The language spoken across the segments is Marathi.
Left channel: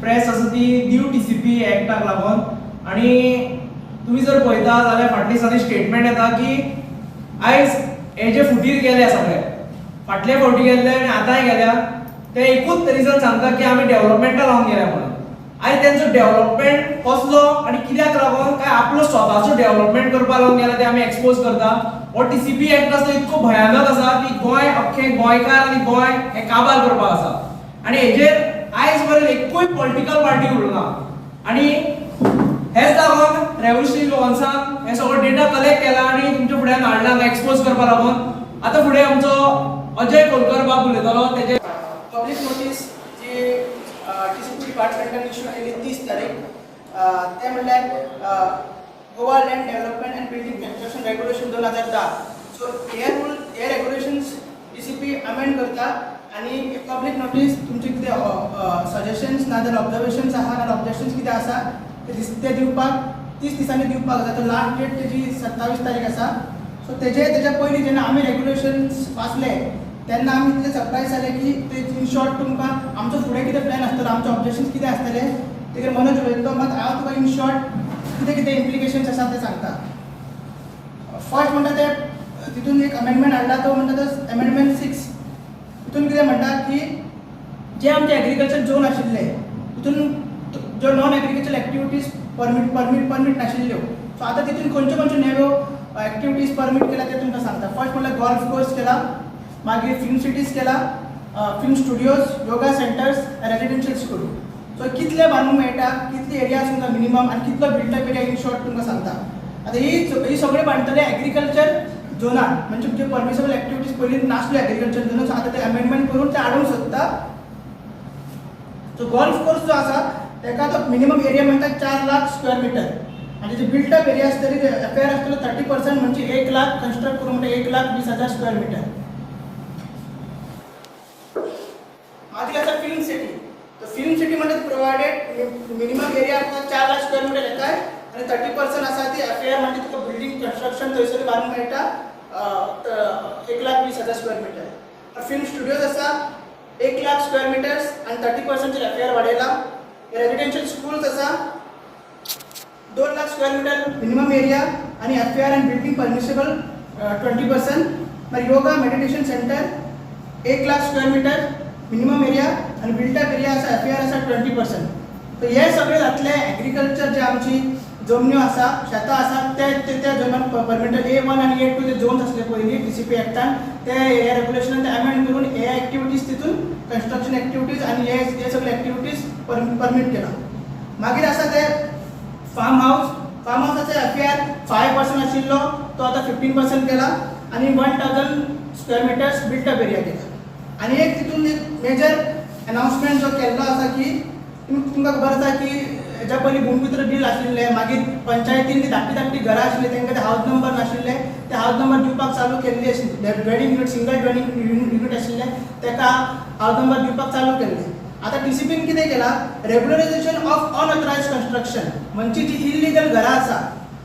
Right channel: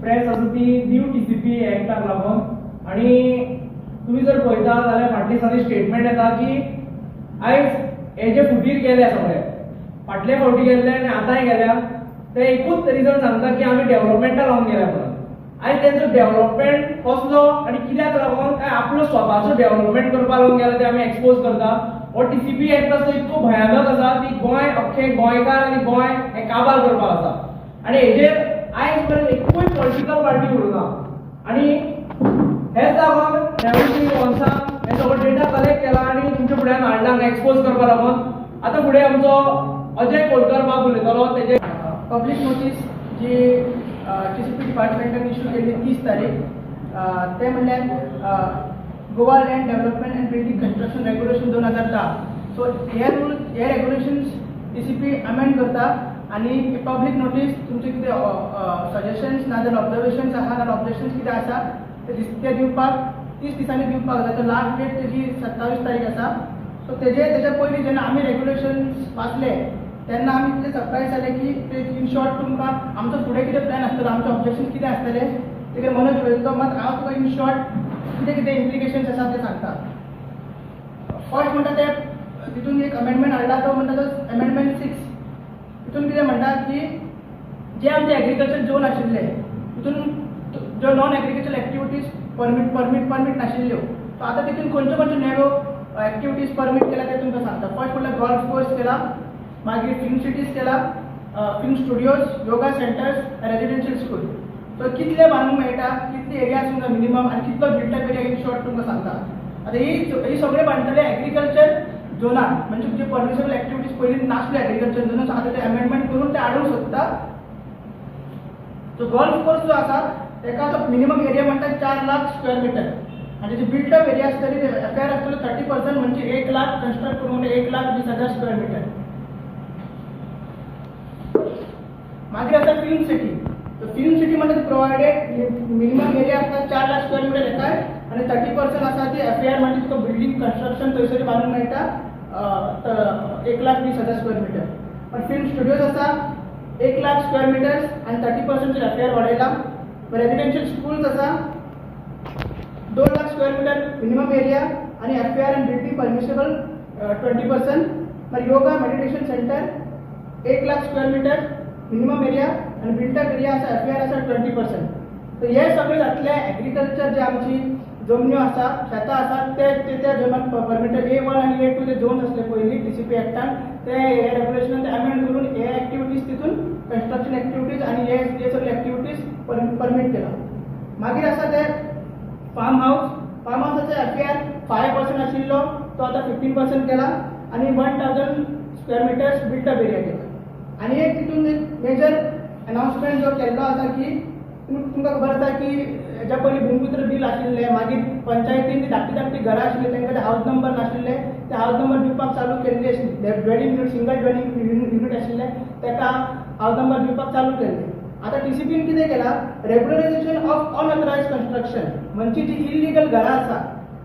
प्रेस आसा ती न्यू टीसीपी एक्टाक लागून आनी तुम्ही जर पळयता जाल्यार फाटल्या दिसांनी स्टेटमेंट येता की आयज हे जे फुटीर गेले सगळे फाटले फावटी गेले आनी आतांय गेल्या ते एकूच रिजन सांगता की आमी डेव्हलपमेंटा लावन गेल्या म्हणून आयज त्यांचो डेव्हलपमेंट कसलो आनी कित्याक लागून काय आपलो स्वताचो डेव्हलपमेंट करपाक लागून गेला ते आमी एक्सपोज करता हो टीसीपी एक्ट आसा तो इतको भयानक आसा की गोंय अख्खे गोंयकार आनी गोंय हे काबार करपाक आसा आनी हेजेर आयज पर्यंत एकूय पॉलिटिकल पार्टी उरना आनी हेच लागून रेव्होल्युशनरी वॉन्सान हे सगळो डेटा कलेक्ट केला आनी तुमच्या फुड्यान हाडला एक्सपोज करपाक लागून आतां फुडें आमचो अजय कोलकर बाब उलयतलो तेजे पब्लिक नोटीस जी टीसीपी डिपार्टमेंटान इश्यू केली 30 तारीख ते म्हणल्यार Goa land development and building construction regulation 2010 so हे रेग्युलेशन्स टीसीपी अमेंड करता आनी पब्लिक नोटीस तुमचे कितें सजेशन्स ना जाल्यार ऑब्जर्वेशन्स आहा ना ऑब्जेक्शन्स कितें आसा ते दिवपाक 30 दिसांनी दिवपाक जाता तर लास्ट डेट तेजी 27 तारीख आसा सो तेजे पयलीं जेन्ना आमी रेग्युलेशन्स वाचले तेन्ना आमी इतले सरप्रायज जाले की ते इन शॉर्ट तुमकां आमचो फुडें कितें प्लॅन आसतलो आमचे ऑब्जेक्शन्स कितें आसतले तेजेर मनोज उलयतलो मात हांव तुका इन शॉर्ट कितें इम्प्लिकेशन्स आसा ते सांगता फर्स्ट म्हणटा ते तितून एक अमेंडमेंट हाडला तो म्हणटा तो अमेंडमेंट 6 तितून कितें म्हणटा की जे आमचे एग्रीकल्चर झोन आशिल्ले तितून ज्यो नॉन एग्रीकल्चर एक्टिविटीज परमीट नाशिल्ल्यो सो आतां तितून खंयच्यो नव्यो एक्टिविटीज परमीट केल्या ते तुमकां सांगता फर्स्ट म्हणल्यार गोल्फ कोर्स केला मागीर फिल्म सिटीज केला film studios yoga centres residential school सो कितले बांदूंक मेळटा कितले एरिया तुमकां मिनिमम आनी कितलो बिल्टअप एरिया इन शॉर्ट तुमकां सांगता आतां ही सगळे बांदतले एग्रीकल्चर झोनान म्हणजे जे परमिसेबल एक्टिविटीज पयलीं नासल्यो एग्रीकल्चर झोनान सो आतां ते अमेंडमेंट करून ते हाडूंक सोदता सो गोल्फ कोर्स जो आसा तेका तो मिनिमम एरिया म्हणटा 4 लाख स्क्वेअर मिटर आनी जे बिल्टअप एरिया आसतली ते एफआयआर आसतलो 30% म्हणजे 1 लाख कन्स्ट्रक्ट करून म्हणजे 1,20,000 स्क्वेअर मिटर मागीर आसा फिल्म सिटी तर फिल्म सिटी म्हणजे प्रोवायडेड मिनिमम एरिया आपला 4 लाख स्क्वेअर मिटर येता आणि 30% आसा ती एफआयआर म्हणजे तुका बिल्डिंग कन्स्ट्रक्शन थंयसर बांदूंक मेळटा 1,20,000 स्क्वेअर मिटर पण फिल्म स्टुडियोज आसा 1 लाख स्क्वेअर मिटर्स आणि 30% एफआयआर वाडयला रेजिडेन्शियल स्कूल्स आसा 2 lakh square metre minimum area आणि एफआयआर अँड बिल्डिंग परमिसेबल 20% मागीर yoga meditation centre 1 lakh square metre minimum area आणि बिल्टअप एरिया आसा एफआयआर आसा 20% तर हे सगळे जातले एग्रीकल्चर जे आमची जमन्यो आसा शेतां आसा त्या जमन परमिटेड A1 आणि A2 ते झोन्स आसले पयलीं टीसीपी एक्टान ते हे रेग्युलेशनान ते अमेंड करून हे एक्टिविटीज तितून कन्स्ट्रक्शन एक्टिविटीज आणि हे सगळे एक्टिविटीज परमीट केला मागीर आसा ते फार्म हाऊसाचे एफआयआर 5% आशिल्लो तो आता 15% केला आणि 1000 स्क्वेअर मिटर्स बिल्टअप एरिया केला आणि एक तितून एक मेजर अनाउन्समेंट जो केल्लो आसा की तुमकां खबर आसा की हेच्या पयलीं भूमिपुत्र बील आशिल्लें मागीर पंचायतीन धाकटी घरां आशिल्लीं तांकां ते हावज नंबर नाशिल्ले ते हावज नंबर दिवपाक चालू केल्ली आशिल्ली dwelling unit single dwelling unit आशिल्ले ताका हावज नंबर दिवपाक चालू केल्ले आता टीसीपीन कितें केला रेग्युलरायझेशन ऑफ अनऑथरायज्ड कन्स्ट्रक्शन म्हणजे जी इल्लीगल घरां आसा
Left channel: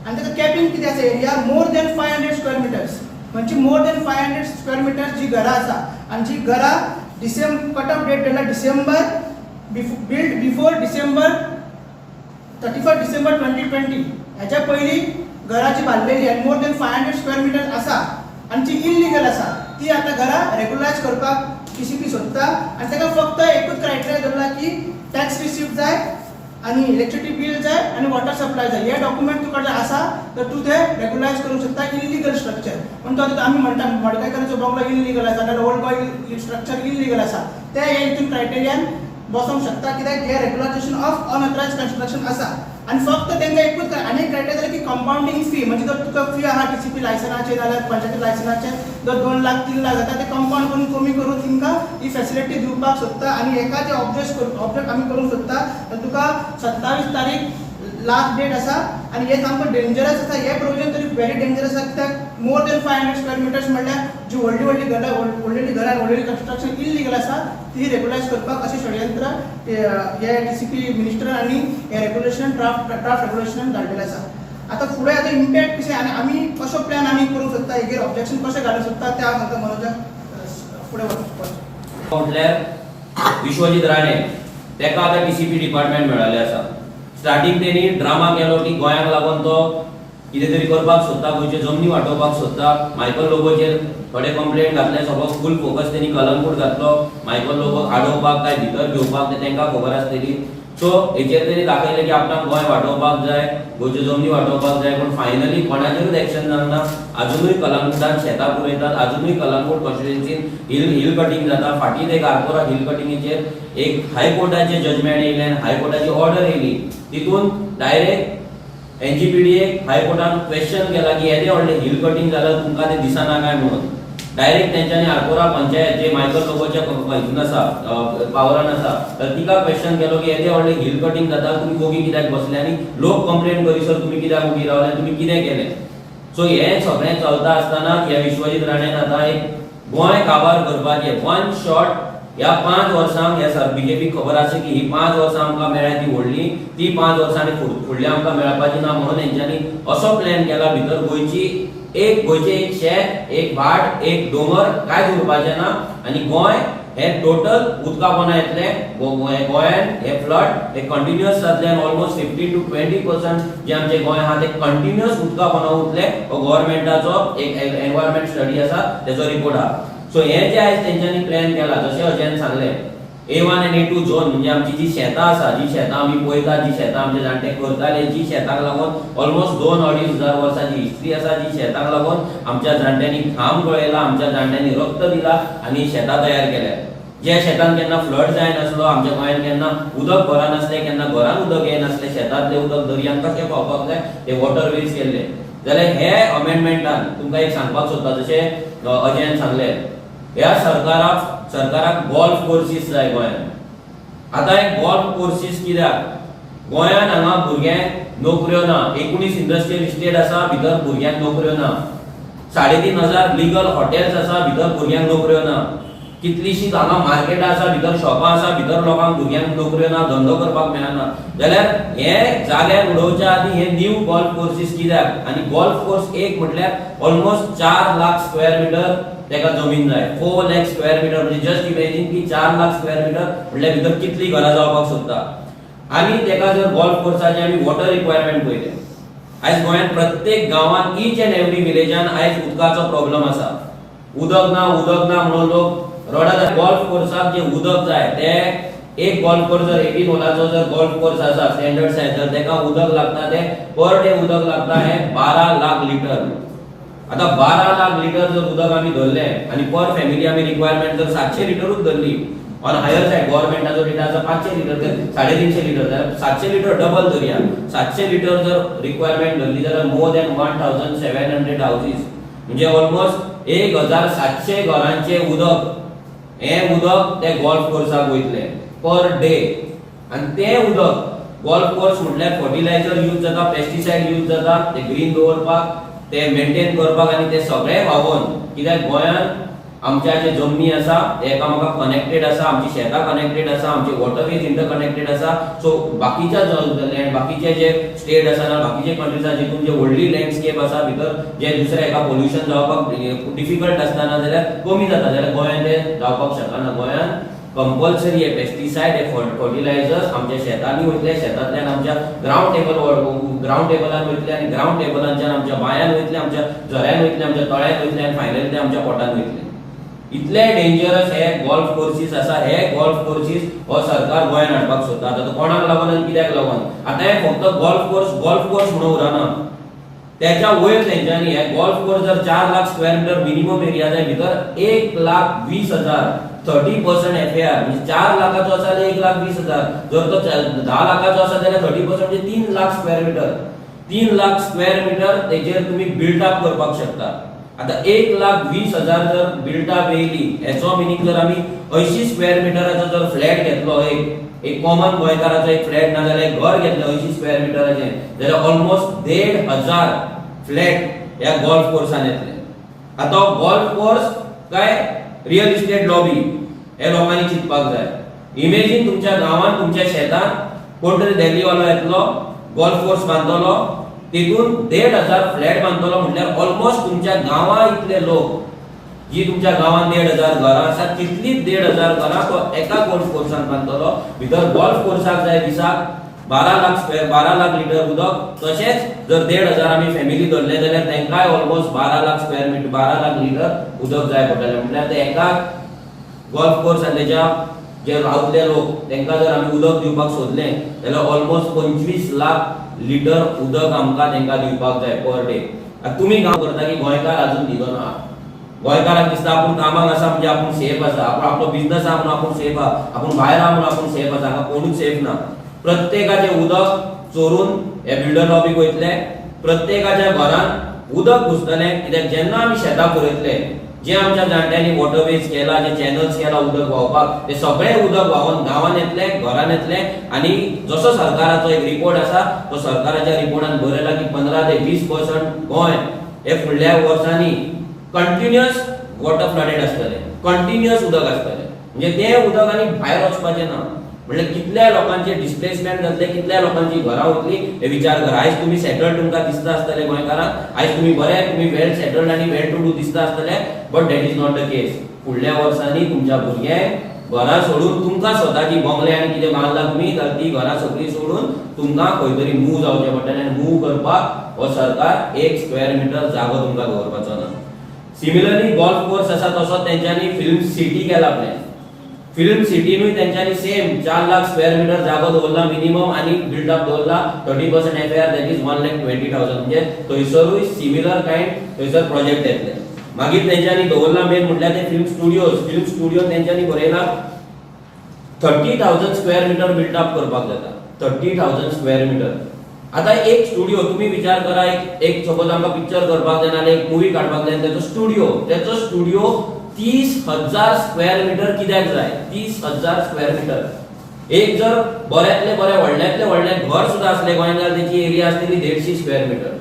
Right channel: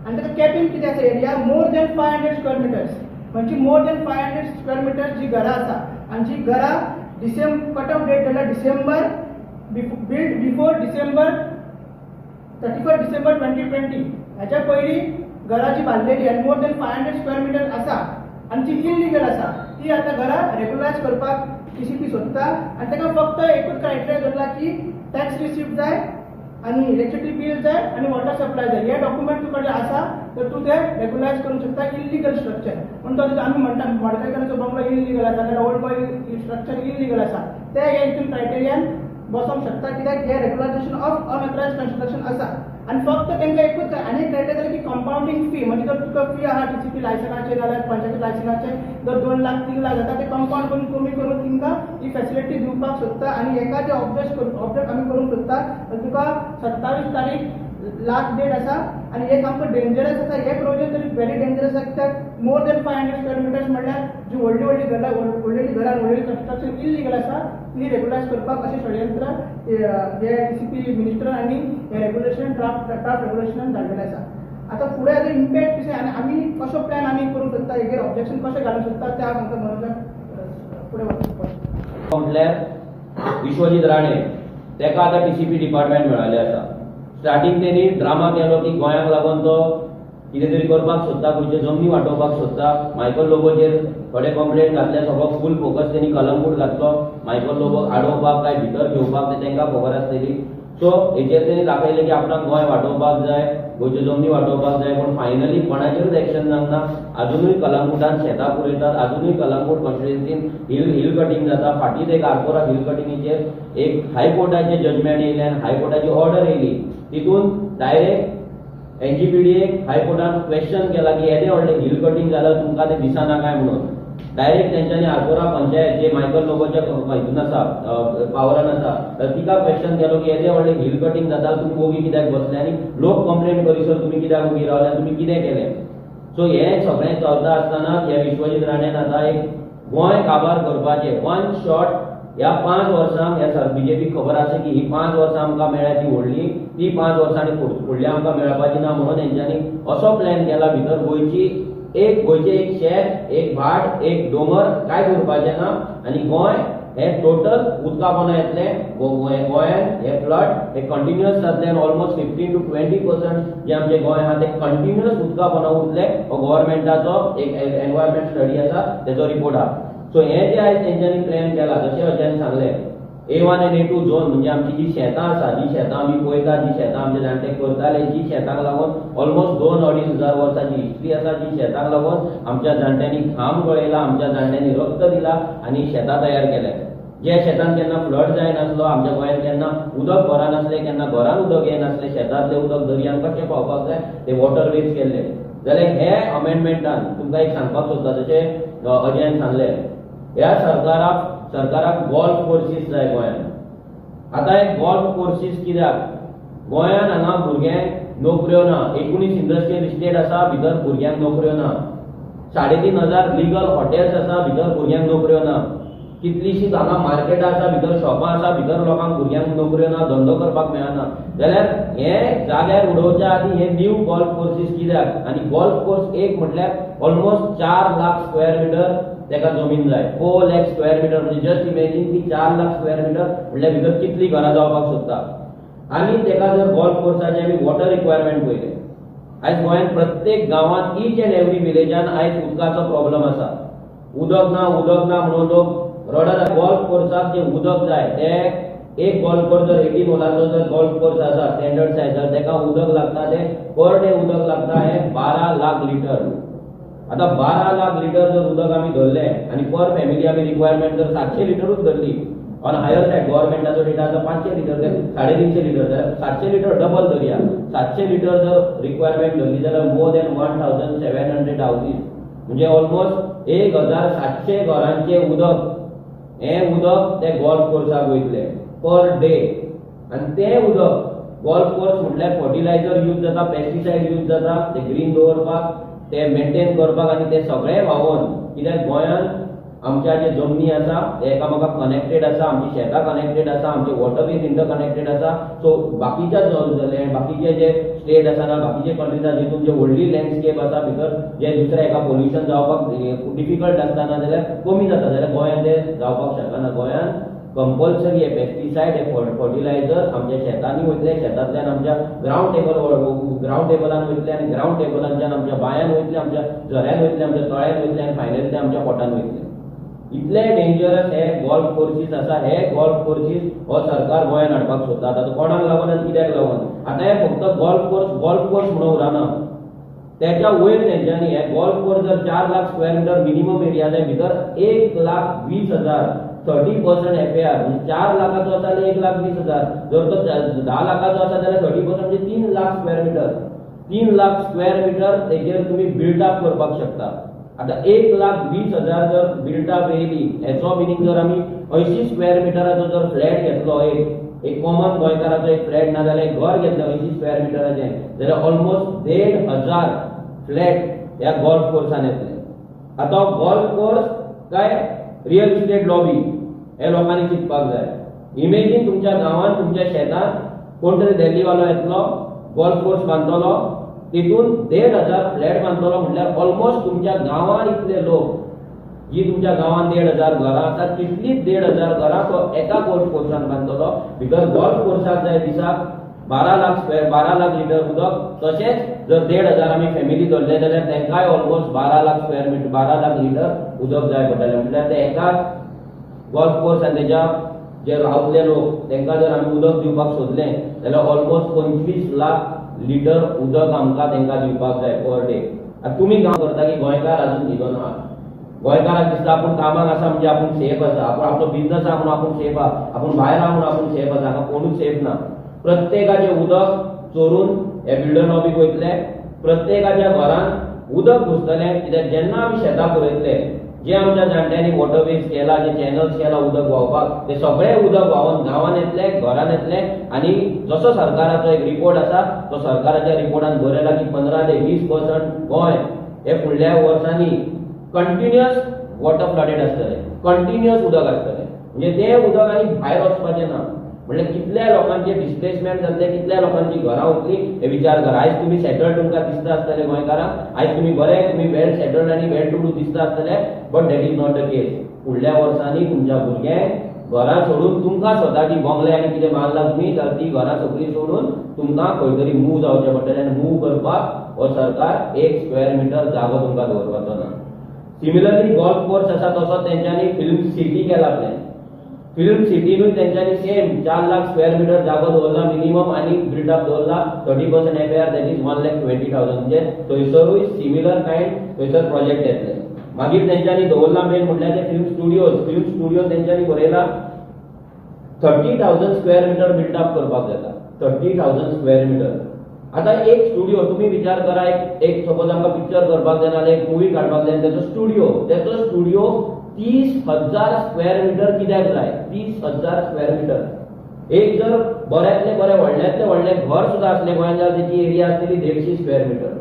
आनी ताका कॅपिंग कितें आसा area more than 500 square metres म्हणजे मोर देन 500 स्क्वेअर मिटर्स जी घरां आसा आनी जी घरां कट ऑफ डेट केला डिसेंबर बिल्ड बिफोर डिसेंबर 31 डिसेंबर 2020 ह्याच्या पयलीं घरां जी बांदलेली आनी मोर देन 500 स्क्वेअर मिटर्स आसा आनी जी इल्लीगल आसा ती आतां घरां रेग्युलरायज करपाक टीसीपी सोदता आनी ताका फक्त एकूच क्रायटेरिया धरला की टॅक्स रिसिप्ट जाय आनी इलेक्ट्रिसिटी बिल जाय आनी वॉटर सप्लाय जाय हे डॉक्युमेंट तुका जर आसा तर तूं ते रेग्युलरायज करूंक शकता इल्लीगल स्ट्रक्चर पण तो आमी म्हणटा मडकयकाराचो बंगलो इल्लीगल आसा नाल्यार ओल्ड गोवा स्ट्रक्चर इल्लीगल आसा ते हे हितून क्रायटेरियान बसोवंक शकता कित्याक हे रेग्युलायझेशन ऑफ अनऑथरायज्ड कन्स्ट्रक्शन आसा आणि फक्त तांकां एकूच आनी क्रायटेरिया की कंपाउंडिंग फी म्हणजे जर तुका फी आहा टीसीपी लायसनाचे नाल्यार पंचायती लायसनाचे जर 2 लाख 3 लाख जाता ते कंपाउंड करून कमी करून तांकां ही फॅसिलिटी दिवपाक सोदता आणि एका जे ऑब्जेक्ट आमी करूंक सोदता तर तुका 27 तारीख लास्ट डेट आसा आणि हे सामको डेंजरस आसा हे प्रोविजन तरी व्हेरी डेंजरस आसा कित्याक मोर देन 500 स्क्वेअर मिटर्स म्हणल्यार जी व्हडली घरां व्हडली कन्स्ट्रक्शन इल्लीगल आसा ती रेग्युलायज करपाक अशें षडयंत्र हे टीसीपी मिनिस्टर आणि हे रेग्युलेशन ड्राफ्ट रेग्युलेशनान धाडलेलें आसा आता फुडें आतां इम्पॅक्ट कशें आनी आमी कसो प्लॅन आमी करूंक सोदता हेजेर ऑब्जेक्शन कशें घालूंक सोदता ते हांव सांगता मनोजाक फुडें वचपाचें म्हटल्यार विश्वजीत राणे तेका आतां TCP डिपार्टमेंट मेळ्ळेलें आसा. स्टार्टिंग तेणी ड्रामा केलो की गोंयाक लागून तो कितें तरी करपाक सोदता, गोंयच्यो जमनी वांटोवपाक सोदता. मायकल लोबोचेर थोडे कंप्लेंट घातले, सगळो फूल फोकस तेणी कलंगूट घातलो. मायकल लोबो आडोवपाक काय भितर घेवपाक ते तांकां खबर आसतली. सो हेचेर तेणी दाखयलें की आपणाक गोंय वांटोवपाक जाय, गोंयच्यो जमनी वांटोवपाक जाय. पूण फायनली कोणाचेरूच एक्शन जावना. अजुनूय कलंगूटान शेतां पुरयतात, अजुनूय कलंगूट कॉन्स्टिट्युएन्सीन हिल कटिंग जाता. फाटीं एक आरपोरा हिल कटिंगेचेर एक हायकोर्टाचें जजमेंट येयलें आनी हायकोर्टाची ऑर्डर येयली. तितून डायरेक्ट NGPDA हायकोर्टान क्वेश्चन केला की येदे व्हडलें हिल कटिंग जाल्यार तुमकां तें दिसना काय म्हणून. डायरेक्ट तेंच्यांनी आरपोरा पंचायत जे मायकल लोबोच्या हितून आसा, पावरान आसा, तर तिका क्वेश्चन केलो की येदे व्हडलें हिल कटिंग जाता, तुमी ओगी कित्याक बसले आनी लोक कंप्लेंट करीसर तुमी कित्याक ओगी रावले, तुमी कितें केलें. सो हें सगळें चलता आसतना ह्या विश्वजीत राणेन आतां एक गोंय काबार करपाचें वन शॉट. ह्या 5 वर्सांक ह्या बीजेपीक खबर आसा की ही 5 वर्सां आमकां मेळ्ळ्या ती व्हडली, ती 5 वर्सांनी फुडली आमकां मेळपाची ना म्हणून हेंच्यांनी असो प्लॅन केला भितर गोंयचें एक शेत, एक भाट, एक दोंगर कांयच उरपाचें ना आनी गोंय हे टोटल उदकापोना येतलें. गोंयान हे फ्लड हे कंटिन्युअस जातले आनी ऑलमोस्ट 15 to 20% जे आमचे गोंय आहा ते कंटिन्युअस उदकापोना उरतले. हो गव्हर्नमेंटाचो एक एनवायरमेंट स्टडी आसा, तेचो रिपोर्ट आहा. सो हे जे आयज तेंच्यांनी प्लॅन केला, जशें अजयन सांगलें, A1 आनी A2 झोन म्हणजे आमची जी शेतां आसा, जी शेतां आमी पळयतात, जी शेतां आमचे जाणटे करताले, जी शेतांक लागून ऑलमोस्ट 2-2.5 हजार वर्सांची हिस्ट्री आसा, जी शेतांक लागून आमच्या जाणट्यांनी घाम गळयला, आमच्या जाणट्यांनी रक्त दिला आनी शेतां तयार केल्या. जे शेतान केन्ना फ्लड जायनासलो, आमच्या गोंयान केन्ना उदक भरनासलें, केन्ना घरान उदक येनासलें, शेतांतलें उदक दर्यांत कशें पावपाक जाय ते वॉटरवेज केल्ले. जाल्यार हे अमेंडमेंटान तुमकां एक सांगपाक सोदता, जशें अजयन सांगलें, ह्या सरकाराक गोल्फ कोर्सीस जाय गोंयान. आतां एक गोल्फ कोर्सीस कित्याक? गोंयान हांगा भुरग्यांक नोकऱ्यो ना. 19 इंडस्ट्रियल इस्टेट आसा, भितर भुरग्यांक नोकऱ्यो ना. 3,500 लीगल हॉटेल्स आसा, भितर भुरग्यांक नोकऱ्यो ना. कितलीशीं हांगा मार्केटां आसा, भितर शॉपां आसा, भितर लोकांक भुरग्यांक नोकऱ्यो ना, धंदो करपाक मेळना. जाल्यार हे जाग्यार उडोवच्या आदीं हे न्यू गोल्फ कोर्सीस कित्याक? आनी गोल्फ कोर्स एक म्हटल्यार ऑलमोस्ट 4 लाख स्क्वेअर मिटर तेका जमीन जाय. 4 लाख स्क्वेअर मिटर म्हणजे जस्ट इमेजिन की 4 लाख स्क्वेअर मिटर म्हटल्यार भितर कितली घरां जावपाक सोदता. आनी तेका जर गोल्फ कोर्साचे आमी वॉटर रिक्वायरमेंट पळयले, आयज गोंयांत प्रत्येक गांवांत ईच एंड एवरी विलेजान आयज उदकाचो प्रॉब्लेम आसा. उदक ना म्हणून लोक रडत. गोल्फ कोर्साक जे उदक जाय ते एक गोल्फ कोर्स जर 18 होलाचो जर गोल्फ कोर्स आसा स्टँडर्ड सायज, जर तेका उदक लागता ते पर डे उदक लागता हे 12 लाख लिटर. आता 12 लाख लिटर जर उदक आमी धरलें आनी पर फॅमिली आमी रिक्वायरमेंट जर 700 लिटरूच धरली, ऑन हायर सायड गव्हर्नमेंटाचो डेटा आसा 500 लिटर, 350 लिटर, जाल्यार 700 लिटर डबल धरया. 700 लिटर जर रिक्वायरमेंट धरली जाल्यार मोर दॅन 1700 हाऊसेस म्हणजे ऑलमोस्ट 1700 घरांचे उदक, हे उदक ते गोल्फ कोर्साक वयतले पर डे. आनी ते उदक गोल्फ कोर्स म्हटल्यार फर्टिलायझर यूज जाता, पेस्टिसाइड यूज जाता, ते ग्रीन दवरपाक, ते मेंटेन करपाक आनी ते सगळे व्हांवोन. कित्याक गोंयान आमच्या जे जमनी आसा ते एकामेकाक कनेक्टेड आसा, आमची शेतां कनेक्टेड आसा, आमचे वॉटरवेज इंटर कनेक्टेड आसा. सो बाकीच्या लँड, बाकीचे जे स्टेट आसा ना, बाकीचे कंट्रीज आसा जितून जे व्हडली लँडस्केप आसा भितर जे दुसऱ्या एका पोल्युशन जावपाक डिफिकल्ट आसतना जाल्यार कमी जाता, जाल्यार गोंयान ते जावपाक शकना. गोंयान कंपल्सरी हे पेस्टिसाइड, हे फर्टिलायझर्स आमच्या शेतांनी वयतले, शेतांतल्यान आमच्या ग्राउंड टेबलान वयतले आनी ग्राउंड टेबलांच्यान आमच्या बांयान वयतले, आमच्या झऱ्यान वयतले, आमच्या तळ्यान वयतले आनी फायनली ते आमच्या पोटान वयतले. इतले डेंजरस हे गोल्फ कोर्सीस आसा. हे गोल्फ कोर्सीस हो सरकार गोंयान हाडपाक सोदता. आता कोणाक लागून आनी कित्याक लागून? आता हे फक्त गोल्फ कोर्स म्हणून उरना, त्याच्या वयर तेंच्यांनी हे गोल्फ कोर्स जर 4 lakh square metre minimum area जाय, भितर 1,20,000 30% FAR म्हणजे 4 लाखाचो आसा जाल्यार 1,20,000. जर तो 10 लाखाचो आसा जाल्यार 30% म्हणजे 3 lakh square metre. 3 lakh square metre तेजेर तुम्ही बिल्डअप करपाक शकता. आता 1,20,000 जर बिल्डअप येयली, हेचो मिनिंग जर आमी 80 स्क्वेअर मिटराचो जर फ्लॅट घेतलो, एक कॉमन गोंयकाराचो एक फ्लॅट ना जाल्यार घर घेतलें 80 स्क्वेअर मिटराचें, जाल्यार ऑलमोस्ट 1,500 फ्लॅट ह्या गोल्फ कोर्सान येतले. आता गोल्फ कोर्स काय रियल इस्टेट लॉबी हे लोकांनी चिंतपाक जाय. इमेजिन तुमच्या गांवांत, तुमच्या शेतांत कोण तरी दिल्लीवालो येतलो, गोल्फ कोर्स बांदतलो, तितून 1,500 फ्लॅट बांदतलो म्हटल्यार ऑलमोस्ट तुमच्या गांवा इतले लोक जी तुमच्या गावात 1,500 घरां आसा तितलीच 1,500 घरां तो एका गोल्फ कोर्सान बांदतलो. भितर गोल्फ कोर्साक जाय दिसाक 12 लाख लिटर उदक. तशेंच जर 1,500 आमी फॅमिली धरले जाल्यार तांकांय almost 12 lakh square metre 12 lakh litre उदक जाय पडटलें. म्हटल्यार ते एका गोल्फ कोर्स आनी तेच्या जे रावतले लोक तांकां जर आमी उदक दिवपाक सोदलें जाल्यार ऑलमोस्ट 25 लाख लिटर उदक आमकां तांकां दिवपाक जाय पर डे. तुमी काम करता की गोंयकार अजून न्हिदो ना. गोंयकाराक दिसता आपूण कामाक आसा म्हणजे आपूण सेफ आसा, आपूण आपलो बिझनस आहा म्हणून आपूण सेफ आहा, आपूण भायर आहा म्हणून आपूण सेफ आसा. हांगा कोणूच सेफ ना. प्रत्येकाचे उदक चोरून हे बिल्डर लॉबीक वयतले. प्रत्येकाच्या घरान उदक घुसतलें. कित्याक जेन्ना आमी शेताक रोयतले जे आमच्या जाणट्यांनी वॉटरवेज केला, जे चॅनल्स केला उदक व्हांवपाक, ते सगळे उदक व्हांवून गांवांत येतले, घरान येतले. आनी जसो सरकाराचो एक रिपोर्ट आसा तो सरकाराच्या रिपोर्टान बरयला की 15 ते 20% गोंय हे फुडल्या वर्सांनी कंटिन्युअस वॉटर फ्लडेड आसतले, कंटिन्युअस उदक आसतले. म्हणजे ते उदक आनी भायर वचपाचें ना. म्हणजे कितल्या लोकांचे डिस्प्लेसमेंट जातले, कितल्या लोकांची घरां वतली हे विचार करा. आयज तुम्ही सेटल्ड तुमकां दिसता आसतले गोंयकारांक, आयज तुम्ही वेल सेटल्ड आनी वेल टू डू दिसता आसतले, but that is not the case. फुडल्या वर्सांनी तुमच्या भुरग्यांक घरां सोडून तुमकां स्वताची बंगले आनी कितें बांदला तुमी तर ती घरां सगळीं सोडून तुमकां खंय तरी मूव जावचें पडटलें. आनी मूव करपाक हो सरकार 1 स्क्वेअर मीटर जागो तुमकां दवरपाचो ना. सिमिलरली गोल्फ कोर्स आसा तसो तेंच्यांनी फिल्म सिटी केला प्लॅन. फिल्म सिटीनूय तेंच्यांनी सेम 4 लाख स्क्वेअर मीटर जागो दवरला मिनिमम आनी बिल्डअप दवरला 30% एफआर दॅट इज 1,20,000. म्हणजे थंयसरूय सिमिलर कायंड थंयसर प्रोजेक्ट येतले. मागीर तेंच्यांनी दवरला मेन म्हटल्यार ते फिल्म स्टुडिओ तेंच्यांनी बरयला 30,000 स्क्वेअर मीटर बिल्डअप करपाक जाता. 30,000 स्क्वेअर मीटर. आता एक स्टुडिओ तुम्ही विचार करा, एक सपोज आमकां पिक्चर करपाक जाय नाल्यार एक मूवी काडपाक जाय, तेचो स्टुडिओ 30,000 स्क्वेअर मीटर कित्याक जाय? 30,000 स्क्वेअर मीटर. एक जर बऱ्यांतले बरें व्हडले घर सुद्धा असले गोंयांत जाल्यार तेची एरिया आसतली 150 स्क्वेअर मीटर.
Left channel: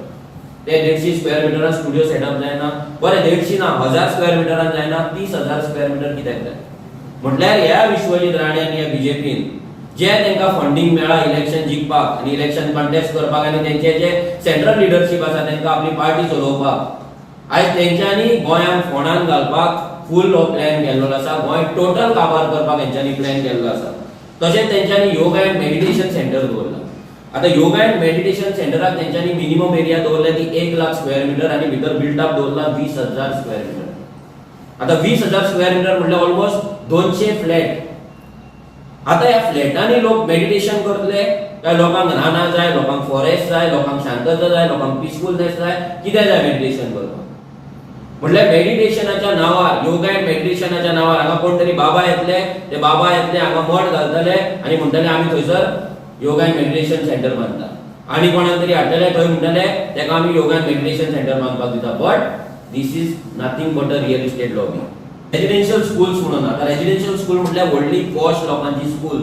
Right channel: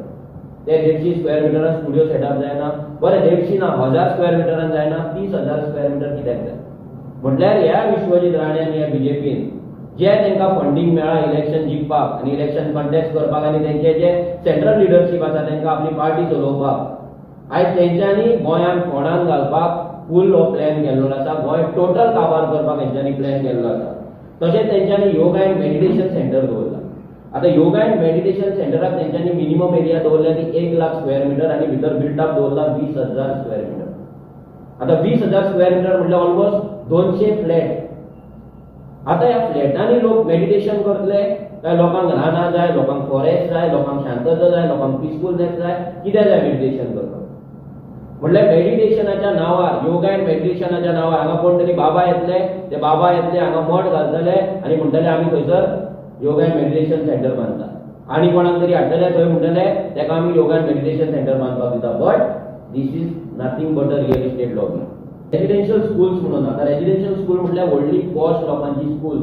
ते 150 स्क्वेअर मिटरान स्टुडिओ सेटअप जायना. बरें 150 ना 1000 स्क्वेअर मिटरान जायना. 30,000 स्क्वेअर मीटर कित्याक जाय? म्हटल्यार ह्या विश्वजीत राणे आनी ह्या बीजेपीन जे तांकां फंडिंग मेळ्ळा इलेक्शन जिखपाक आनी इलेक्शन कंटेस्ट करपाक आनी तेंचे जे सेंट्रल लिडरशीप आसा तांकां आपली पार्टी चलोवपाक, आयज तेंच्यांनी गोंयांक फोंडान घालपाक फूल प्लॅन केल्लो आसा. गोंय टोटल काबार करपाक तेंच्यांनी प्लॅन केल्लो आसा. तशेंच तेंच्यांनी योगा एंड मेडिटेशन सेंटर दवरला. आता योगा एंड मेडिटेशन सेंटराक तेंच्यांनी मिनिमम एरिया दवरला ती 1 लाख स्क्वेअर मीटर आनी भितर बिल्डअप दवरला 20,000 स्क्वेअर मीटर. आता 20,000 स्क्वेअर मीटर म्हटल्यार ऑलमोस्ट 200 फ्लॅट. आता ह्या फ्लॅटांनी लोक मेडिटेशन करतले काय लोकांक रानां जाय, लोकांक फॉरेस्ट जाय, लोकांक शांतता जाय, लोकांक पीसफुलनेस जाय, कितें जाय मेडिटेशन करपाक? म्हटल्यार मेडिटेशनाच्या नावार, योगा एंड मेडिटेशनाच्या नावार हांगा कोण तरी बाबा येतले, ते बाबा येतले हांगा मठ घालतले आनी म्हणटले आमी थंयसर योगा एंड मेडिटेशन सेंटर बांदता. आनी कोणाक तरी हाडटले थंय म्हणटले तेका आमी योगा एंड मेडिटेशन सेंटर बांदपाक दिता. But this is nothing but a real estate lobby. Residential schools म्हणून आता रेजिडेन्शियल स्कूल म्हटल्यार व्हडली पॉश लोकांची स्कूल,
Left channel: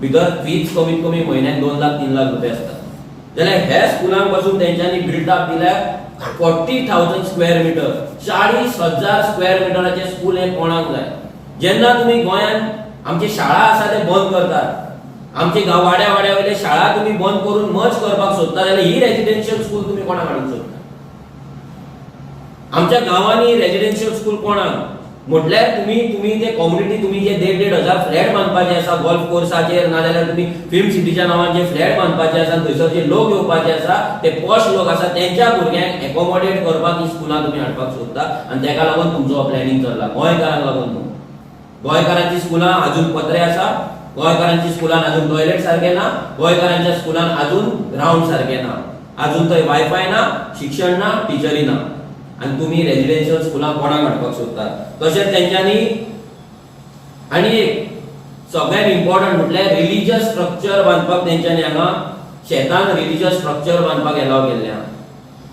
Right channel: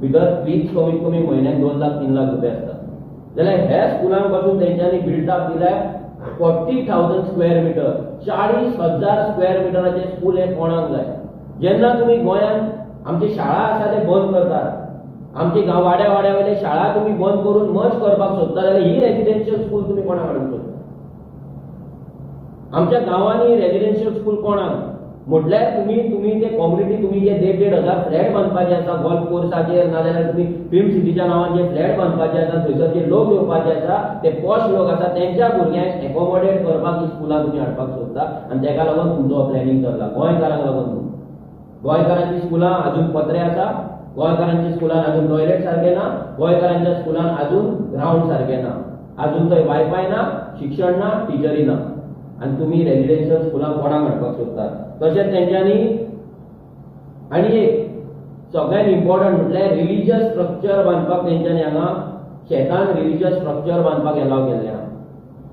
भितर फीज कमीत कमी म्हयन्याक 2 लाख 3 लाख रुपया आसता. जाल्यार ह्या स्कुलांक पासून तेंच्यांनी बिल्डअप दिल्यार 40,000 स्क्वेअर मीटर, 40,000 स्क्वेअर मिटराचे स्कूल हे कोणाक जाय? जेन्ना तुम्ही गोंयांत आमची शाळा आसा ते बंद करतात, आमची वाड्या वयले शाळा तुम्ही बंद करून मर्ज करपाक सोदता जाल्यार ही रेजिडेन्शियल स्कूल तुम्ही कोणाक हाडूंक सोदता? आमच्या गांवांनी रेजिडेन्शियल स्कूल कोणाक? म्हटल्यार तुम्ही ते कम्युनिटी तुम्ही जे 1,500 फ्लॅट बांदपाचे आसा गोल्फ कोर्साचेर, नाजाल्यार तुम्ही फिल्म सिटीच्या नांवान जे फ्लॅट बांदपाचे आसा, थंयसर जे लोक येवपाचे आसा ते पॉश लोक आसा तेंच्या भुरग्यांक एकोमोडेट करपाक ही स्कुलां तुम्ही हाडपाक सोदता आनी तेका लागून तुमचो प्लॅनिंग चल्ला. गोंयकारांक लागून न्हू. गोंयकारांची स्कुलां अजून पत्रे आसा, गोंयकारांची स्कुलान अजून टॉयलेट सारखे ना, गोंयकारांच्या स्कुलान अजून ग्राउंड सारखे ना, अजून थंय वायफाय ना, शिक्षण ना, टिचरी ना, आणि तुम्ही रेजिडेन्शियल स्कुलांक कोणाक हाडपाक सोदता? तशेंच तेंच्यांनी आनी एक सगळ्यात इम्पॉर्टंट म्हटल्यार रिलिजियस स्ट्रक्चर बांदपाक तेंच्यांनी हांगा शेतान रिलिजियस स्ट्रक्चर बांदपाक एलाव केल्ले आहा.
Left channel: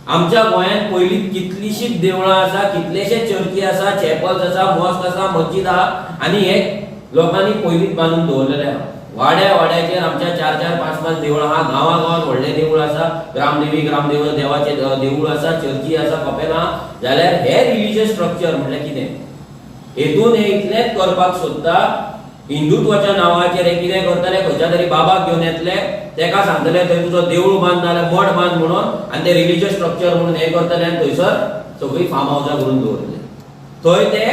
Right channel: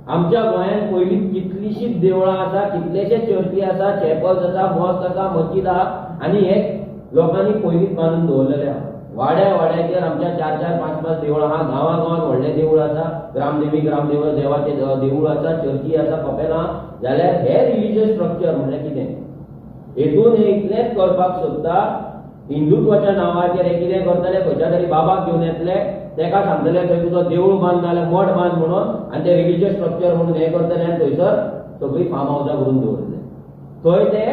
आमच्या गोंयांत पयलीं कितलीशीच देवळां आसा, कितलेशेच चर्ची आसा, चॅपल्स आसा, मॉस्क आसा, मस्जिद आहा आनी हे लोकांनी पयलींच बांदून दवरलेले आहा. वाड्याचेर आमच्या 4-4, 5-5 देवळां आहा. गांवागांवांत व्हडले देवूळ आसा, ग्रामदेव देवाचे देवूळ आसा, चर्ची आसा, कपेलां आहा. जाल्यार हे रिलिजियस स्ट्रक्चर म्हटल्यार कितें? हेतून हे इतलेंच करपाक सोदता, हिंदुत्वाच्या नांवाचेर हे कितें करतले, खंयच्या तरी बाबाक घेवन येतले, तेका सांगतले थंय तुजो देवूळ बांद नाल्यार मठ बांद म्हणून, आनी ते रिलिजियस स्ट्रक्चर म्हणून हे करतले आनी थंयसर सगळीं फार्म हावसां करून दवरतले. थंय ते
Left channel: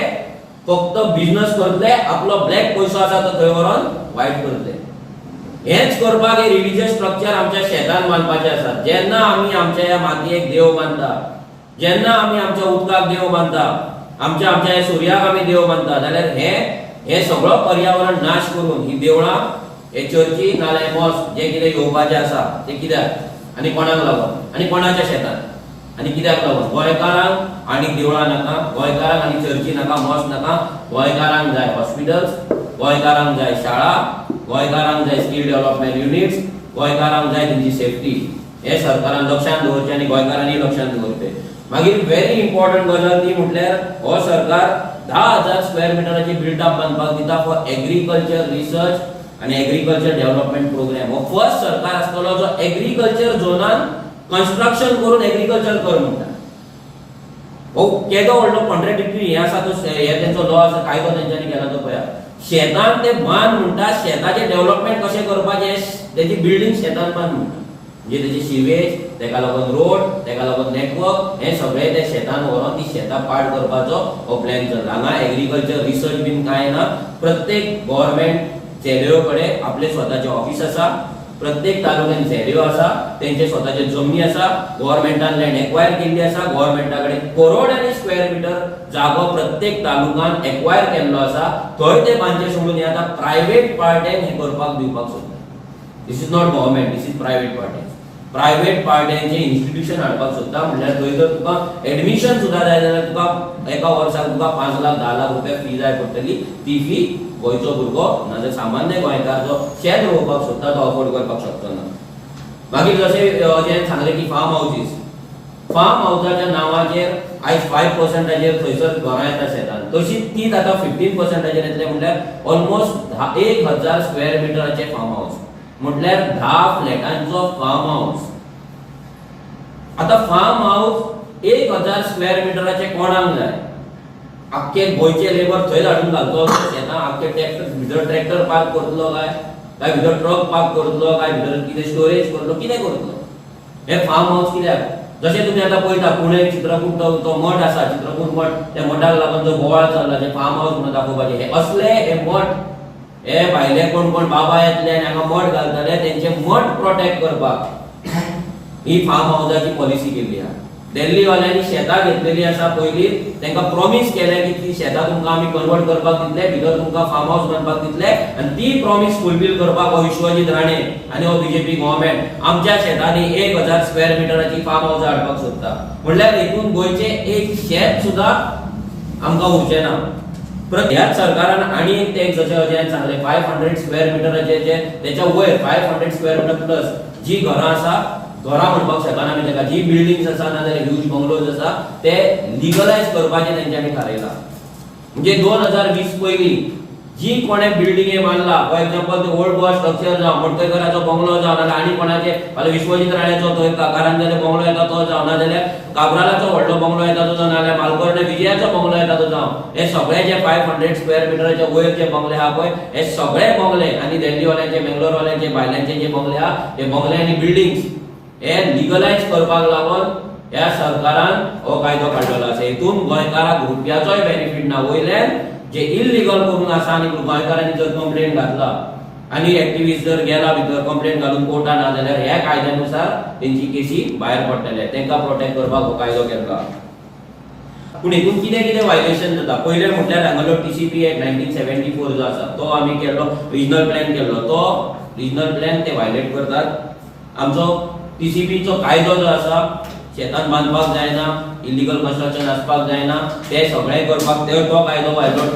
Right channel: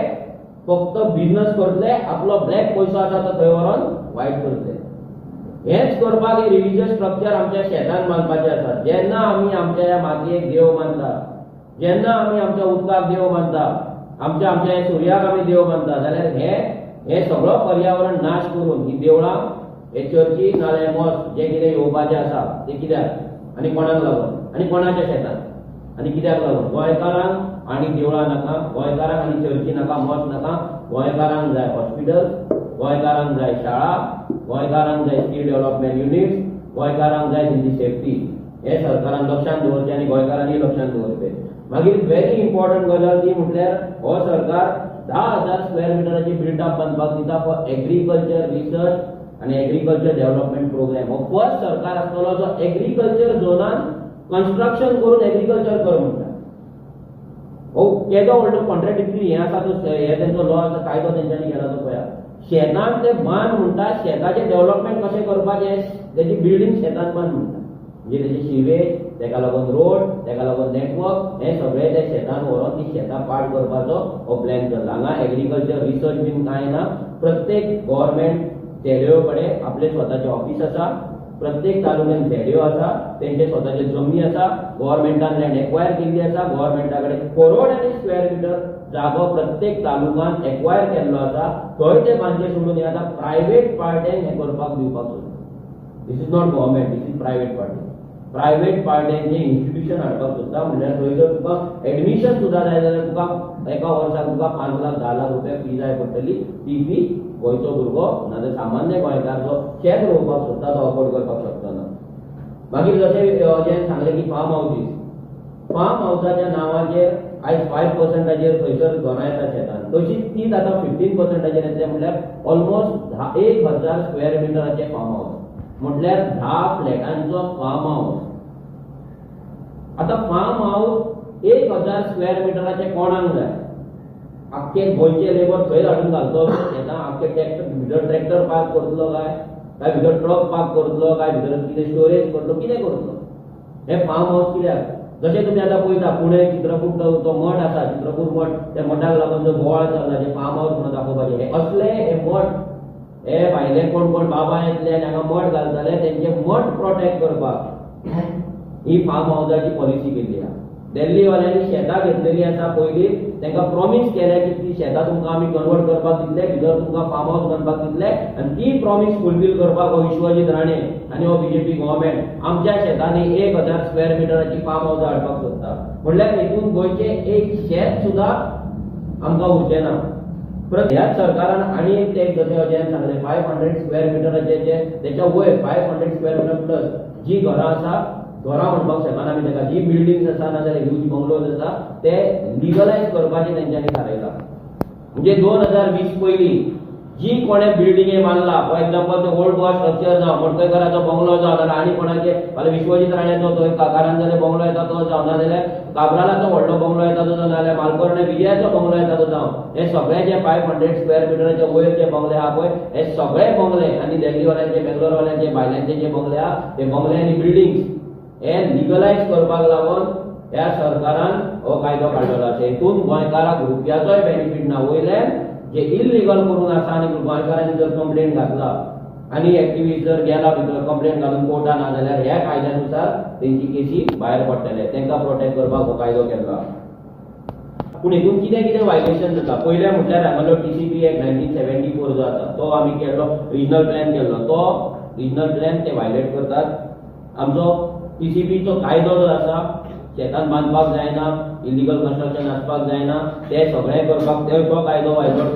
फक्त बिझनेस करतले, आपलो ब्लॅक पैसो आसा तो थंय व्हरून वायट करतले. हेच करपाक हे रिलीजियस स्ट्रक्चर आमच्या शेतान बांदपाचे आसा. जेन्ना आमी आमच्या ह्या मातयेक देव मानता, जेन्ना आमी आमच्या उदकाक देव मानता, आमच्या ह्या सुर्याक आमी देव मानता, जाल्यार हे सगळो पर्यावरण नाश करून ही देवळां, हे चर्ची नाल्यार मॉस्क जे कितें येवपाचे आसा ते कित्याक आनी कोणाक लागून आनी कोणाच्या शेतान आनी कित्याक लागून? गोंयकारांक आनी देवळां नाका, गोंयकारांक आनी चर्ची नाका, मॉस्क नाका. गोंयकारांक जाय हॉस्पिटल्स, गोंयकारांक जाय शाळा, गोंयकारांक जाय स्किल डेव्हलपमेंट युनिट्स, गोंयकारांक जाय तेंची सेफ्टी. हे सरकारान लक्षांत दवरचें आनी गोंयकारांनी लक्षांत दवरचें. मागीर व्हेरी इम्पॉर्टंट गजाल ती म्हटल्यार हो सरकार 10,000 स्क्वेअर मिटराची बिल्डअप बांदपाक दिता फॉर एग्रीकल्चर रिसर्च आनी एग्रीकल्चर डेव्हलपमेंट प्रोग्राम. हो फर्स्ट सरकार आसतलो जो एग्रीकल्चर झोनान कन्स्ट्रक्शन करून एग्रीकल्चर कर म्हणटा. हो केदो व्हडलो कॉन्ट्रॅडिक्टरी हे आसा तो, हे तेंचो लॉ आसा, कायदो तेंच्यांनी केला तो पळया. शेतान ते बांद म्हणटा, शेताचे डेव्हलपमेंट कशें करपाचें, तेची बिल्डिंग शेतान बांद म्हणटा. म्हणजे तेची सिवेज, तेका लागून रोड, तेका लागून नेटवर्क, हे सगळे ते शेतान व्हरून ती शेतां पाड करपाचो हो प्लॅन चल्ला. हांगा एग्रीकल्चर रिसर्च बीन कांय ना. प्रत्येक गव्हर्नमेंट झेडओ कडेन आपले स्वताचे ऑफिस आसा, प्रत्येक तालुक्यान झेडओ आसा, तेंचे स्वताचे जमनी आसा, गव्हर्नमेंटान लँड एक्वायर केल्ली आसा, गव्हर्नमेंटा कडेन करोडांनी स्क्वेअर मिटर जागो प्रत्येक तालुकान एक्वायर केल्लो आसा. थंय ते बांदचे सोडून हे आतां प्रायव्हेट पार्ट्यांक हे करपाक दिवपाक सोदता. This is not government, this is private party. Private पार्ट्यांचे इन्स्टिट्यूशन हाडपाक सोदता म्हणल्यार थंय जर तुका एडमिशन सुद्दां जाय जाल्यार तुका एका वर्साक तुका 5 लाख 10 लाख रुपया फी जाय पडटली. ती फी गोंयचो भुरगो नाजाल्यार सामान्य गोंयकार जो शेत रोवपाक सोदता तो अफोर्ड करपाक शकचो ना. मागीर जशें सांगलें की फार्म हावजीस, फार्म हावजाच्या नांवाचेर आयज 5%चेर थंयसर घरां येता शेतान, तशीच तीच आतां 15%चेर येतले म्हणल्यार ऑलमोस्ट 1,000 स्क्वेअर मिटराचे फार्म हाऊस म्हटल्यार 10 फ्लॅटांचो फार्म हाऊस. आता फार्म हाऊस 1,000 स्क्वेअर मिटराचे कोणाक जाय? आख्खे गोंयचे लेबर थंय हाडून घालतलो शेतां, आख्खे ट्रॅक्टर पार्क करतलो काय भितर ट्रक पार्क करतलो, काय भितर कितें स्टोरेज करतलो, कितें करतलो? हे फार्म हाऊस कित्याक? जशें तुमी आतां पळयता पुणे चित्रकूट तो मठ आसा, चित्रकूट मठ, त्या मठाक लागून जो बोवाळ चल्ला जे फार्म हाऊस म्हणून दाखोवपाचे, हे असले हे मठ, हे भायले कोण बाबा येतले आनी हांगा मठ घालतले, तेंचे मठ प्रोटेक्ट करपाक ही फार्म हाऊसाची पॉलिसी केल्ली आहा. दिल्ली वाल्यांनी शेतां घेतलेली आसा पयलीं, तांकां प्रॉमिस केलें की ती शेतां तुमकां आमी कन्वर्ट करपाक दितले, भितर तुमकां फार्म हाऊस बांदपाक दितले, आनी ती प्रॉमिस फुलफील करपाक हो विश्वजीत राणे आनी हो बीजेपी गव्हर्नमेंट आमच्या शेतांनी 1,000 स्क्वेअर मिटराची फार्म हाऊस हाडपाक सोदता. म्हणल्यार हेतून गोंयचे एक शेत सुद्दां आमकां उरचें ना. ह्याच सरकारान आनी एक जशें सांगलें 500 स्क्वेअर मिटराचे तेच्या वयर 500 स्क्वेअर मिटर प्लस जी घरां आसा, घरां म्हणपाक शकना आमी तेका, जी बिल्डिंग्स आसा नाजाल्यार ह्यूज बंगलोज आसा ते लिगलायज करपाचें तेंच्यांनी थारायला. म्हणजे 2020 पयलीं जी कोणे बिल्डिंगे बांदला, फॉर एग्जांपल ते ओल्ड गोवा स्ट्रक्चर जावं, मडकयकराचो बंगलो जावं, नाजाल्यार आनी कोणाचे फाल्यां विश्वजीत राणेचो थंय कारांजले बंगलो येता तो जावं, नाजाल्यार काब्रालाचो व्हडलो बंगलो येता तो जावं, नाजाल्यार मालकोर्डे विजयाचो बंगलो येता तो जावं, हे सगळे जे 500 स्क्वेअर मिटराचे वयर जे बंगले आहा पळय, हे सगळे बंगले आनी दिल्लीवाल्यांचे, बेंगलोरवाल्यांचे, भायल्यांचे जे बंगले आहा, हे बंगले आनी बिल्डिंग्स हे लिगलायज करपाक लागून ह्या सरकारान हो कायदो काडलेलो आसा. हेतून गोंयकाराक रुपयाचोय बेनिफीट ना. वयल्यान जे इल्लीगल करून आसा आनी गोंयकारांनी जर कंप्लेंट घातला आनी एक्टिविस्ट जर गेला भितर कंप्लेंट घालून कोर्टान ना जाल्यार ह्या कायद्यानुसार तेंची केसी भायर पडटले. तांकां प्रोटेक्ट करपाक हो कायदो केला. पूण हेतून कितें कितें वायलेशन जाता पयलें म्हटल्यार हांगालो TCP एक्ट 1974 जो आसा तो आमी केल्लो, रिजनल प्लॅन केल्लो, तो रिजनल प्लॅन ते वायलेट करतात. आमचो TCP चो कायदो जो आसा, शेतान बांदपाक जायना, इलिगल कन्स्ट्रक्शन आसपाक जायना, ते सगळे करपाक तो कायदो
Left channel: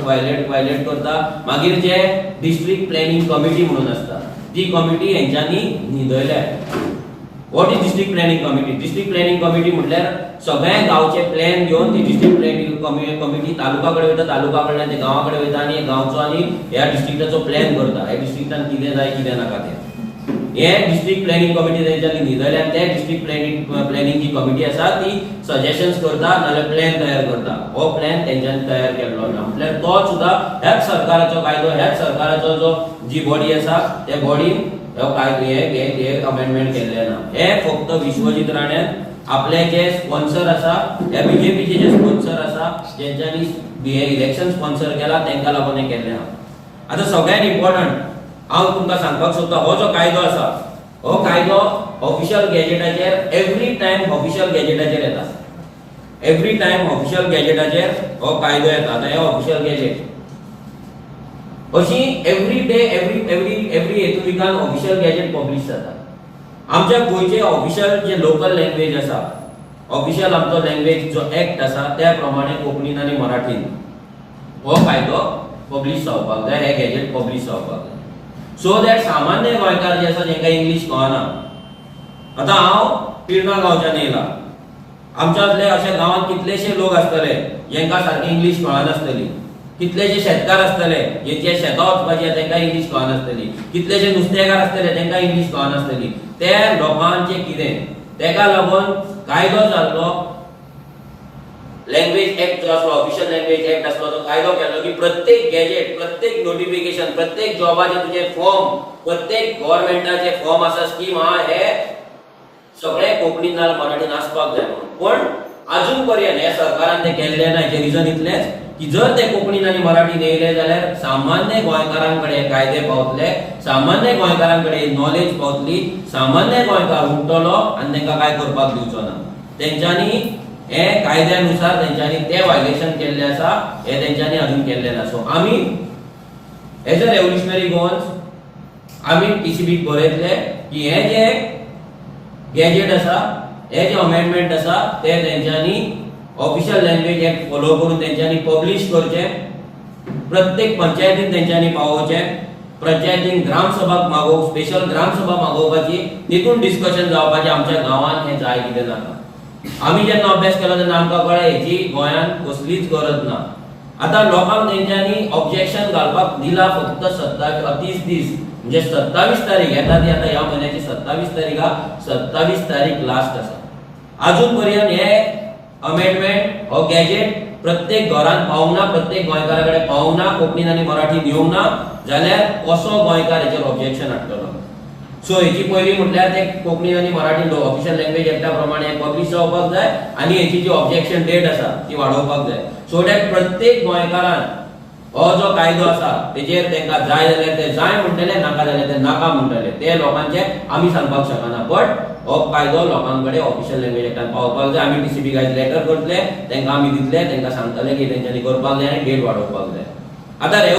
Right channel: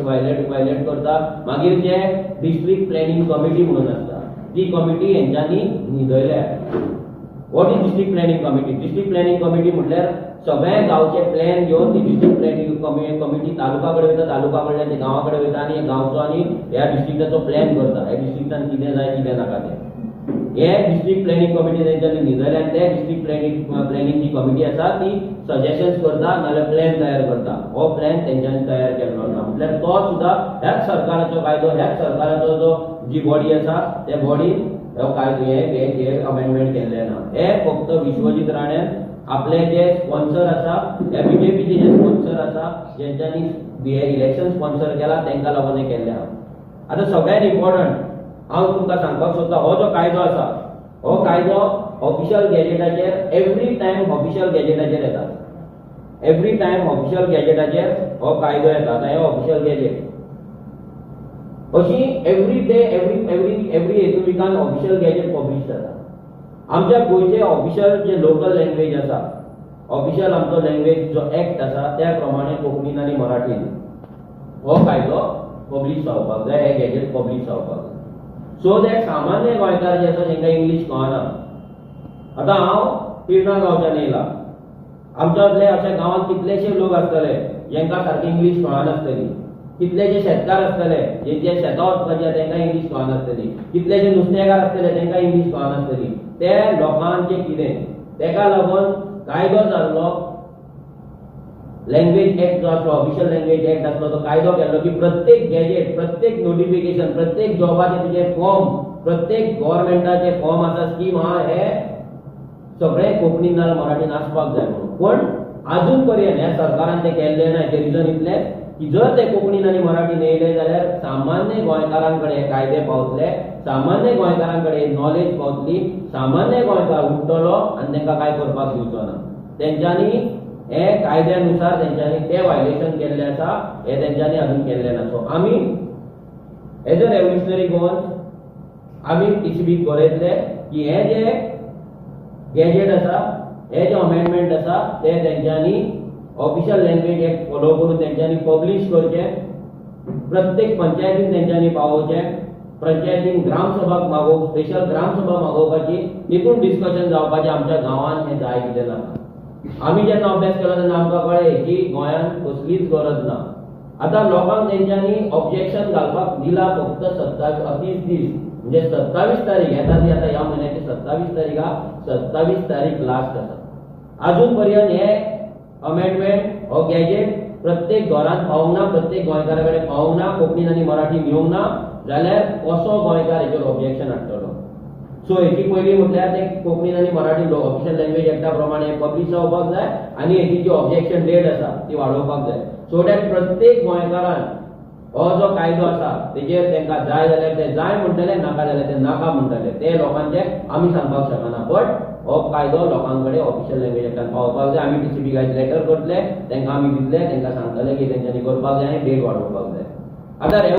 वायलेट करता. मागीर जे डिस्ट्रिक्ट प्लॅनिंग कमिटी म्हणून आसता, ती कमिटी हेंच्यांनी न्हिदयल्या. What is district planning committee? District planning committee म्हटल्यार सगळे गांवचे प्लॅन घेवन ती डिस्ट्रिक्ट प्लॅनिंग कमिटी तालुका कडेन वयता, तालुका कडल्यान ते गांवा कडेन वयता आनी गांवचो आनी ह्या डिस्ट्रिक्टाचो प्लॅन करता. ह्या डिस्ट्रिक्टान कितें जाय कितें नाका तें. हे डिस्ट्रिक्ट प्लॅनिंग कमिटी तेंच्यांनी न्हिदयल्यान ते डिस्ट्रिक्ट प्लॅनिंग जी कमिटी आसा ती सजेशन्स करता नाल्यार प्लॅन तयार करता. हो प्लॅन तेंच्यांनी तयार केल्लो ना. म्हटल्यार तो सुद्दां ह्याच सरकाराचो कायदो, ह्याच सरकाराचो जो जी बॉडी आसा त्या बॉडीन हो कायदो हे अमेंडमेंट केल्ले ना. हे फक्त विश्वजीत राण्यान आपले जे स्पॉन्सर आसा या बीजेपीचे जे स्पॉन्सर आसा जेंच्यांनी हे इलेक्शन स्पॉन्सर केला तांकां लागून हे केल्ले आहा। आता सगळ्यात इम्पॉर्टंट हांव तुमकां सांगपाक सोदता, हो जो कायदो आसा हो कायदो ऑफिशियल गॅजेटाचेर एवरी टायम ऑफिशियल गॅजेटाचेर येता। एवरी टायम ऑफिशियल गॅजेटाचेर हो कायदो येता। आतां हे ऑफिशियल गॅजेट अशी एवरी डे एवरी हेतू विकान ऑफिशियल गॅजेट पब्लिश जाता। आमच्या गोयचे ऑफिशियल जे लोकल लँग्वेज आसा, ऑफिशियल आमचो लँग्वेज जो ऍक्ट आसा त्या प्रमाणे कोंकणीन आनी मराठीन हो कायदो पब्लिश जावपाक जाय, हे गॅजेट पब्लिश जावपाक जाय, सो दॅट सामान्य गोंयकार जे आसा जेंका इंग्लीश कळना। आतां हांव पिर्णा गांवच्यान येयला, आमच्यातले अशे गांवांत कितलेशे लोक आसतले जेंका सारकी इंग्लीश कळनासतली, कितलेशे शेतकार आसतले जे शेतां वचपाचे तांकां इंग्लीश कळनासतली, कितलेशे नुस्तेकार आसतले तांकां इंग्लीश कळनासतली। त्या लोकांचें कितें, तेका लागून कायदो जाल्लो, लँग्वेज ऍक्ट जो आसलो, ऑफिशियल लँग्वेज ऍक्ट आसलो, तो कायदो केल्लो की प्रत्येक गॅजेट, प्रत्येक नोटिफिकेशन, प्रत्येक जॉबाचे तुजे फॉर्म, प्रत्येक गव्हर्नमेंटाचे फॉर्म आसा, स्कीम आहा, हे सगळे कोंकणीन नाल्यार मराठीन आसपाक जाय म्हणून। पण अजून पर्यंत हे सरकारान ते केल्ले ना। हेचे रिजन इतलेंच की जर ते कोंकणीन आनी मराठीन येयले जाल्यार सामान्य गोंयकारांकडे कायदे पावतले, सामान्य गोंयकारांकडे नॉलेज पावतली, सामान्य गोंयकार उठतलो आनी तांकां काय करपाक दिवचो ना। तेंच्यांनी हे कायद्यानुसार तेंच्यांनी ते वायलेशन केल्ले आसा, हे तेंच्यांनी अजून केल्ले ना। सो आमी एज अ रेव्होल्युशनरी गोवन्स आमी टीसीबीक बरयतले की हे जे गॅजेट आसा, हे जे अमेंडमेंट आसा ते तेंच्यांनी ऑफिशियल लँग्वेज ऍक्ट फॉलो करून तेंच्यांनी पब्लिश करचे, प्रत्येक पंचायतीन तेंच्यांनी पावोवचे, पंचायतीन ग्रामसभाक मागोवप, स्पेशल ग्रामसभा मागोवपाची, तितून डिस्कशन जावपाचें आमच्या गांवांत हे जाय कितें नाका। आमी जेन्ना अभ्यास केलो तेन्ना आमकां कळ्ळें हेची गोंयांत कसलीच गरज ना। आतां लोकांक तेंच्यांनी ऑब्जेक्शन घालपाक दिला फक्त 30 दीस, म्हणजे 27 तारीख येता ती आतां ह्या म्हयन्याची 27 तारीख हा, 27 तारीख लास्ट आसा। अजून पर्यंत हे अमेंडमेंट हो गॅजेट प्रत्येक घरान पावूंक ना, प्रत्येक गोंयकारा कडेन पावूंक ना, कोंकणीन आनी मराठीन येवंक ना, जाल्यार कसो गोंयकार हेचेर ऑब्जेक्शन हाडटलो। सो हेची पयली म्हटल्यार ते कोंकणीन आनी मराठीन ऑफिशियल लँग्वेज ऍक्टा प्रमाणे पब्लिश जावपाक जाय आनी हेची जी ऑब्जेक्शन डेट आसा ती वाडोवपाक जाय, सो दॅट प्रत्येक गोंयकारान हो जो कायदो आसा तेजेर तांकां जाय जाल्यार ते जाय म्हणटले, नाका जाल्यार ते नाका म्हणटले। ते लोकांचे आमी सांगपाक शकना, बट हो कायदो लोकांकडे ऑफिशियल लँग्वेज ऍक्टान पावपाक जाय। आमी टीसीबी गायज लेटर करतले, तांकां आमी दितले, तांकां सांगतले की तेंच्यांनी करपाक जाय आनी डेट वाडोवपाक जाय। आतां